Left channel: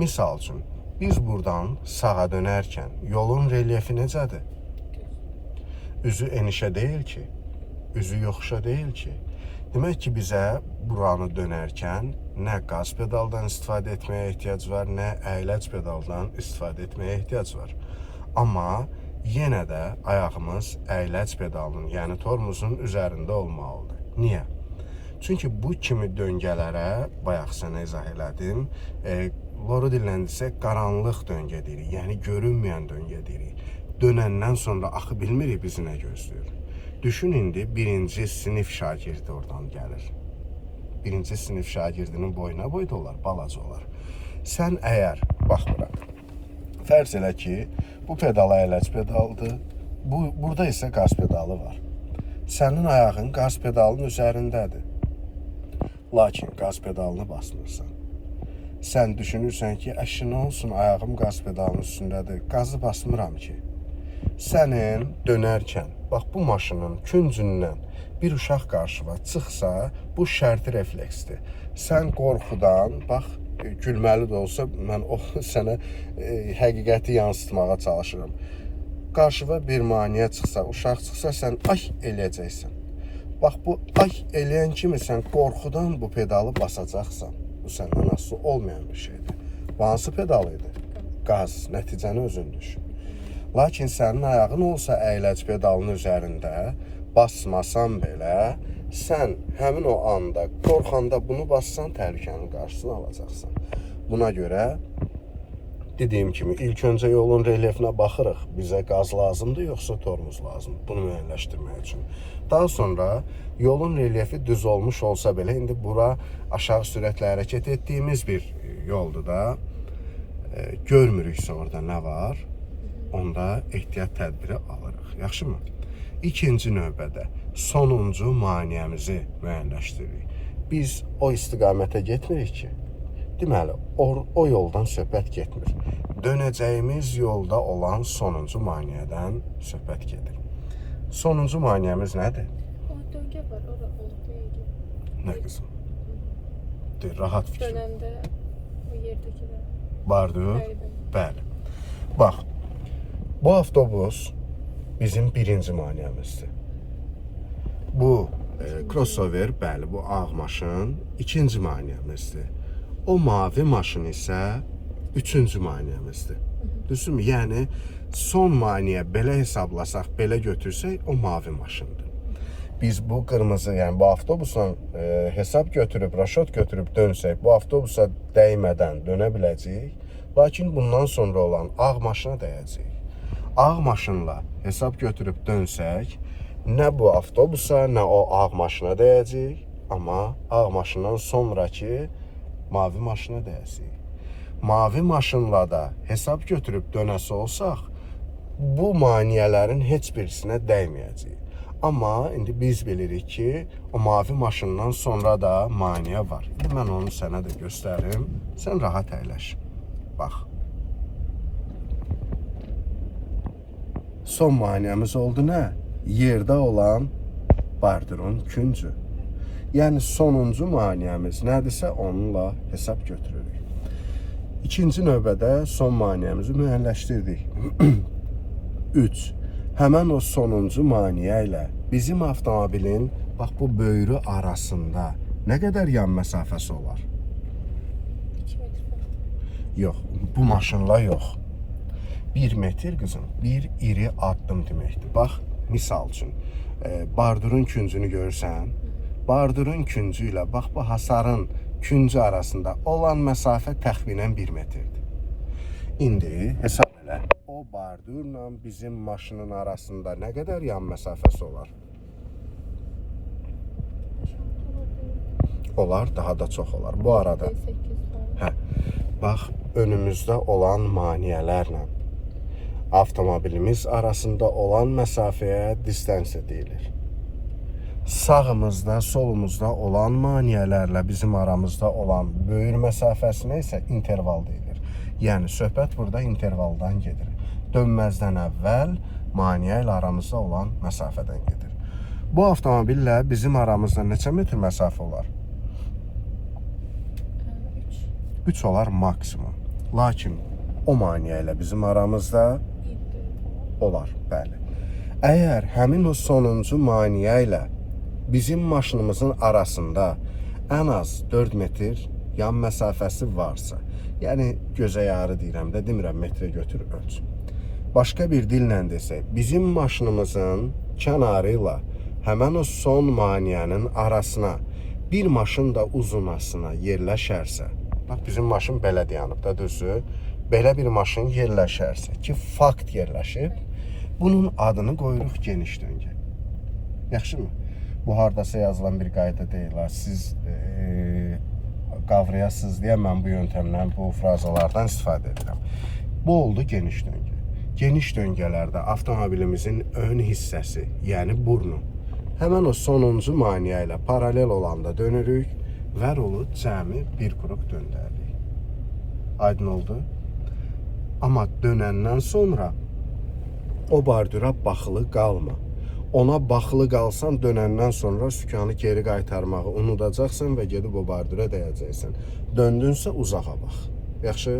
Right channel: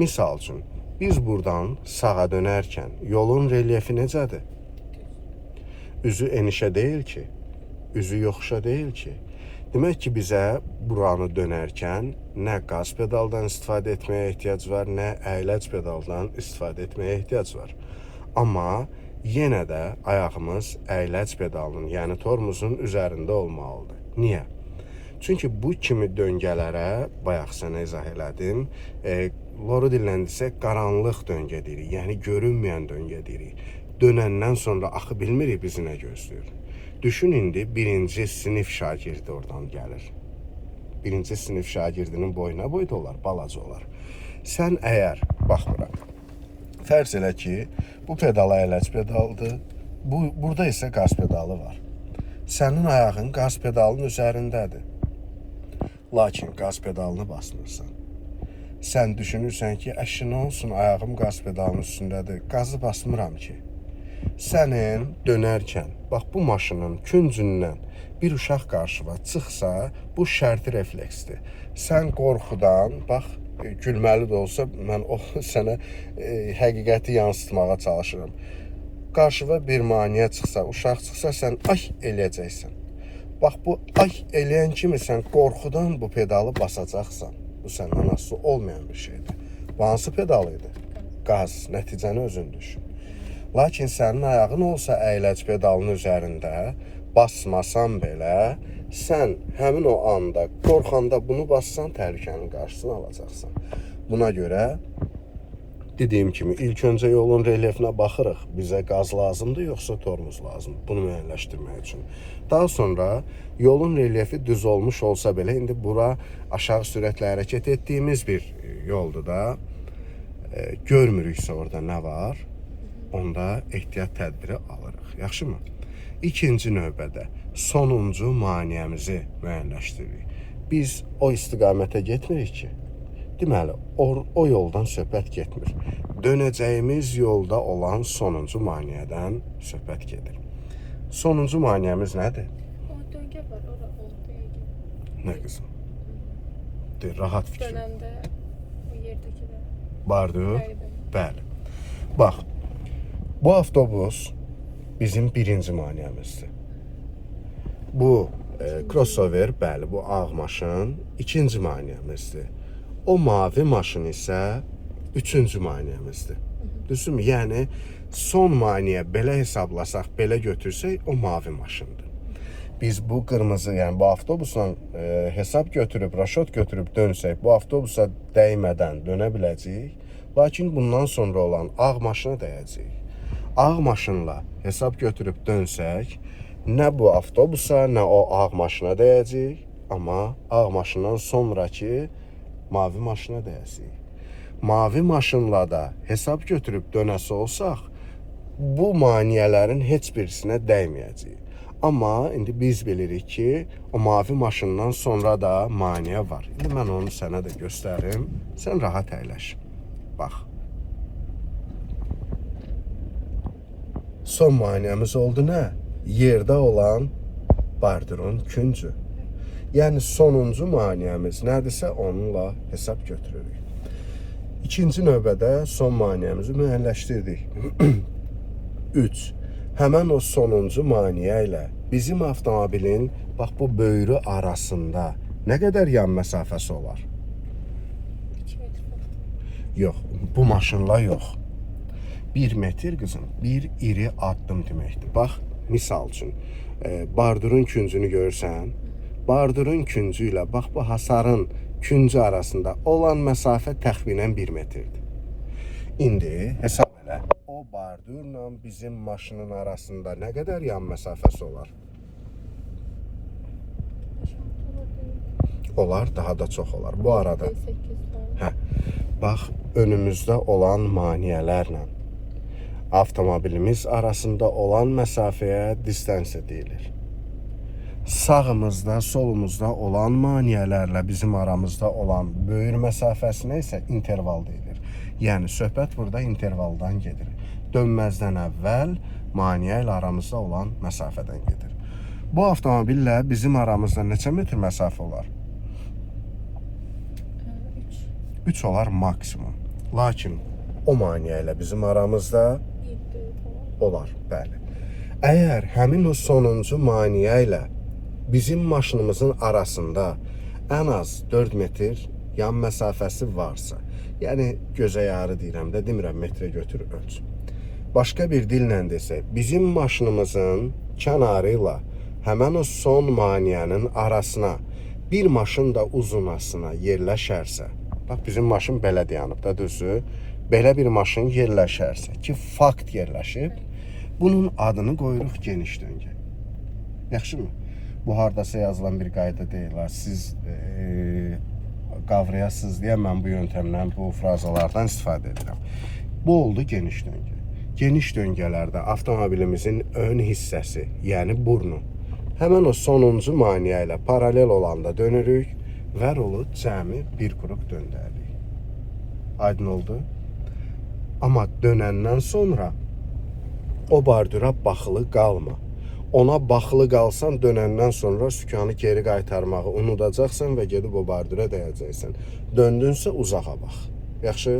Misal üçün, biz buradan sağa dönərkən yolun relyefi necədir? Üzü enişə deyil ki, üzü yoxuşa deyil ki. Demək ki, bizə buranı dönərkən nə qaz pedaldan istifadə etməyə ehtiyac var, nə əyləc pedaldan istifadə etməyə ehtiyac var. Amma yenə də ayağımız əyləc pedalının, yəni tormozun üzərində olmalıdır. Niyə? Çünki bu kimi döngələrə, bayaq sənə izah elədim, loru dilləndisək qaranlıq döngə deyirik, yəni görünməyən döngə deyirik. Dönəndən sonra axı bilmirik bizi nə gözləyir. Düşün, indi birinci sinif şagirdi oradan gəlir. Birinci sinif şagirdinin boyuna boyda olar, balaca olar. Sən əgər, bax bura, fərz elə ki, bu pedal əyləc pedaldır, burada isə qaz pedalı var. Sənin ayağın qaz pedalının üzərindədir. Lakin qaz pedalını basmırsan. Sən düşünürsən ki, əşi nə olsun, ayağım qaz pedalının üstündədir, qazı basmıram ki. Sənin dönərkən, bax bu maşının küncündən bir uşaq qarşıva çıxsa, bu şərti refleksdir. Sən qorxudan, bax, gülməli də olsa, mən sənə həqiqəti yansıtmağa çalışıram. Qarşıva bir maniyə çıxsa, uşaq çıxsa, sən ay eləyəcəksən. Bax, bu ay eləyən kimi sən qorxudan bu pedalı basacaqsan. Bu səndən asılı olmayan bir şeydir. Bu hansı pedal idi? Qaz, nəticəni özün düşün. Lakin sənin ayağın olsa əyləc pedalının üzərində, basmasan belə, sən həmin o anda, qorxanda bunu bassan, təhlükənin qarşısını alacaqsan. Buna görə, dediyim kimi, ilk öncə yolun relyefinə baxırıq. Bizə qaz lazımdır, yoxsa tormuz lazımdır. Bunu müəyyənləşdirmək üçün. Daha sonra, yolun relyefi düz olmuş olsa belə, indi bura aşağı sürətlə hərəkət etdiyimiz bir yoldur da. Görmürüksə orada nə var? Onda ehtiyat tədbiri alırıq. Yaxşımı? İkinci növbədə sonuncu maniyəmizi müəyyənləşdiririk. Biz o istiqamətə getmirik ki, deməli, o yoldan söhbət getmir. Dönəcəyimiz yolda olan sonuncu maniyədən söhbət gedir. Sonuncu maniyəmiz nədir? O döngə var, o döngə. Nə qızım? Rahat fikir. Dönəndə o yerdəki var. Bardır? Bəli. Bax, bu avtobus bizim birinci maniyəmizdir. Bu crossover, bəli, bu ağ maşın ikinci maniyəmizdir. O mavi maşın isə üçüncü maniyəmizdir. Düzdürmü? Yəni, son maniyə belə hesablasaq, belə götürsək, o mavi maşındır. Biz bu qırmızı, yəni bu avtobusla hesab götürüb, raşot götürüb dönsək, bu avtobusa dəymədən dönə biləcəyik. Lakin bundan sonra olan ağ maşına dəyəcəyik. Ağ maşınla hesab götürüb dönsək, nə bu avtobusa, nə o ağ maşına dəyəcəyik, amma ağ maşından sonraki mavi maşına dəyəcəyik. Mavi maşınla da hesab götürüb dönəsi olsaq, bu maniyələrin heç birisinə dəyməyəcəyik. Amma indi biz bilirik ki, o mavi maşından sonra da maniyə var. Mən onu sənə də göstərim, sən rahat əyləş. Bax. Son maniyəmiz oldu nə? Yerdə olan bardurun küncü. Yəni sonuncu maniyəmiz nədirsə onunla hesab götürürük. İkinci növbədə son maniyəmizi müəyyənləşdirdik. 3. Həmən o sonuncu maniyə ilə bizim avtomobilin bax bu böyrü arasında nə qədər yan məsafəsi olar? 2 metr falan. Yox, bu maşınla yox. 1 metr qızım, bir iri addım deməkdir. Bax, misal üçün, bardurun küncünü görürsən, bardurun küncü ilə bax bu hasarın küncü arasında olan məsafə təxminən 1 metrdir. İndi hesab elə, o bardurla bizim maşının arasında nə qədər yan məsafəsi olar? Olar, daha da çox olar. Bu arada, 8 falan. bax, önümüzdə olan maniyələrlə avtomobilimiz arasında olan məsafəyə distansiya deyilir. Sağımızda, solumuzda olan maniyələrlə bizim aramızda olan böyür məsafəsinə isə interval deyilir. Yəni, söhbət burada intervaldan gedir. Dönməzdən əvvəl maniyə ilə aramızda olan məsafədən gedir. Bu avtomobillə bizim aramızda neçə metr məsafə olar? 3 olar maksimum. Lakin o maneə ilə bizim aramızda İndi falan. olar, bəli. Əgər həmin o sonuncu maneə ilə bizim maşınımızın arasında ən az 4 metr yan məsafəsi varsa, yəni gözə yarı deyirəm də, demirəm metrə götür ölç. Başqa bir dillə desək, bizim maşınımızın kənarı ilə həmin o son maneənin arasına bir maşın da uzunasına yerləşərsə, bax bizim maşın belə dayanıb da düzü, belə bir maşın yerləşərsə ki, fakt yerləşib, bunun adını qoyuruq geniş döngə. Yaxşımı? Bu hardasa yazılan bir qayda deyil. Siz qavrayasınız deyə mən bu yöntəmlə, bu frazalardan istifadə edirəm. Bu oldu geniş döngə. Geniş döngələrdə avtomobilimizin ön hissəsi, yəni burnu, həmin o sonuncu maneə ilə paralel olanda dönürük və rolu cəmi bir qrup döndəririk. Aydın oldu? Amma dönəndən sonra o bardura baxılı qalma. Ona baxılı qalsan, dönəndən sonra sükanı geri qaytarmağı unudacaqsan və gedib o bardura dəyəcəksən. Döndünsə uzağa bax. Yaxşı?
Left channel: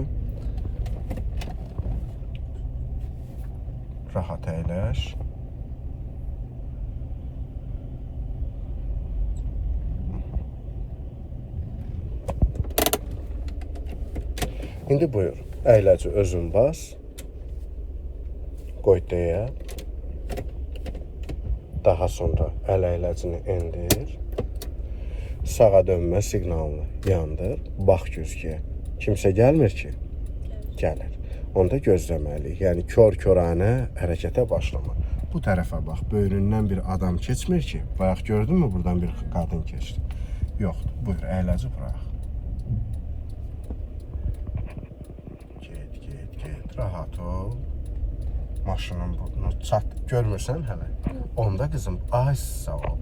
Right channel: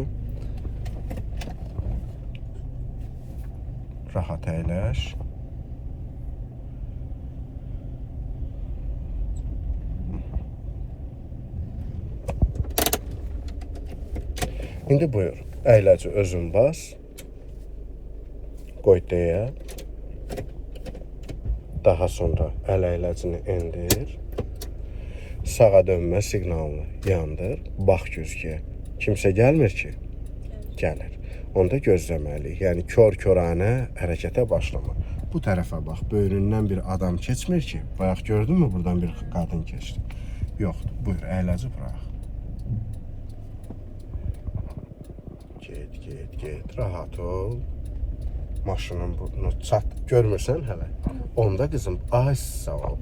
Rahat əyləş. İndi buyur, əyləci özün bas. Qoy deyə. Daha sonra əl əyləcini endir. Sağa dönmə siqnalını yandır. Bax güzgüyə. Kimsə gəlmir ki? Gəlir. Onda gözləməliyik. Yəni kör-körənə hərəkətə başlama. Bu tərəfə bax. Böyründən bir adam keçmir ki. Bax gördünmü buradan bir qadın keçdi. Yoxdur. Buyur əyləci bırax. Get. Rahat ol. Maşının burnunu çat. Görmürsən hələ? Onda qızım, ay sağ ol.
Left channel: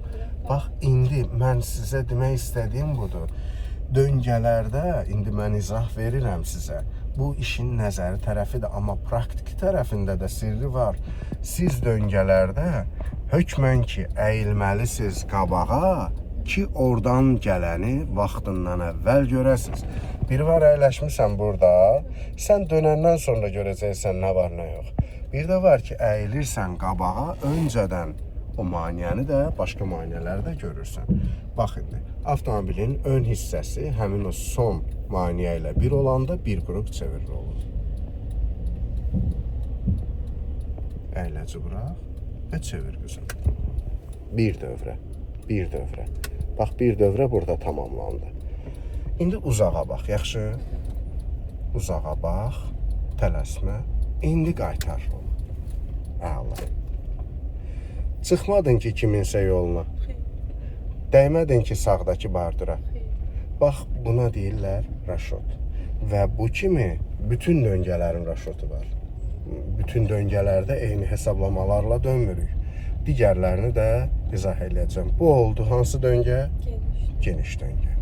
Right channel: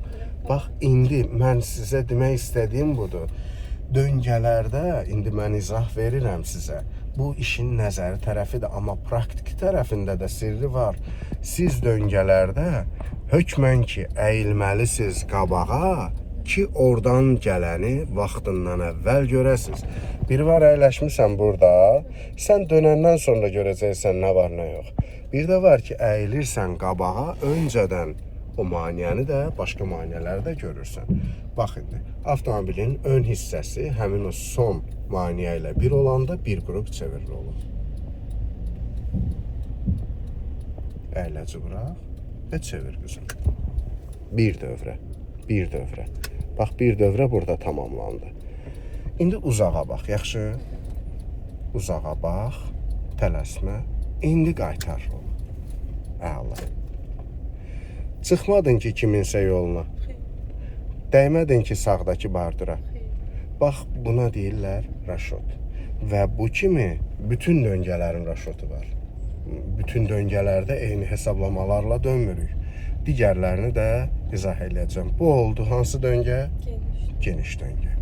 Bax, indi mən sizə demək istədiyim budur. Döngələrdə, indi mən izah verirəm sizə. Bu işin nəzəri tərəfidir, amma praktiki tərəfində də sirri var. Siz döngələrdə hökmən ki, əyilməlisiniz qabağa ki, oradan gələni vaxtından əvvəl görəsiniz. Biri var əyləşmirsən burada, sən dönəndən sonra görəcəksən nə var, nə yox. Bir də var ki, əyilirsən qabağa, öncədən o maneəni də, başqa maneələri də görürsən. Bax indi, avtomobilin ön hissəsi həmin o son maneə ilə bir olanda bir qrup çevirili olur. Əyləci bıraq və çevir qızım. Bir dövrə. Bax, bir dövrə burada tamamlandı. İndi uzağa bax, yaxşı? Uzağa bax, tələsmə. İndi qaytar onu. Əla. Çıxmadın ki, kiminsə yoluna. Dəymədin ki, sağdakı bardura. Bax, buna deyirlər raşot. Və bu kimi bütün döngələrin raşotu var. Bütün döngələrdə eyni hesablamalarla dönmürük. Digərlərini də izah edəcəm. Bu oldu hansı döngə? Geniş. Geniş döngə.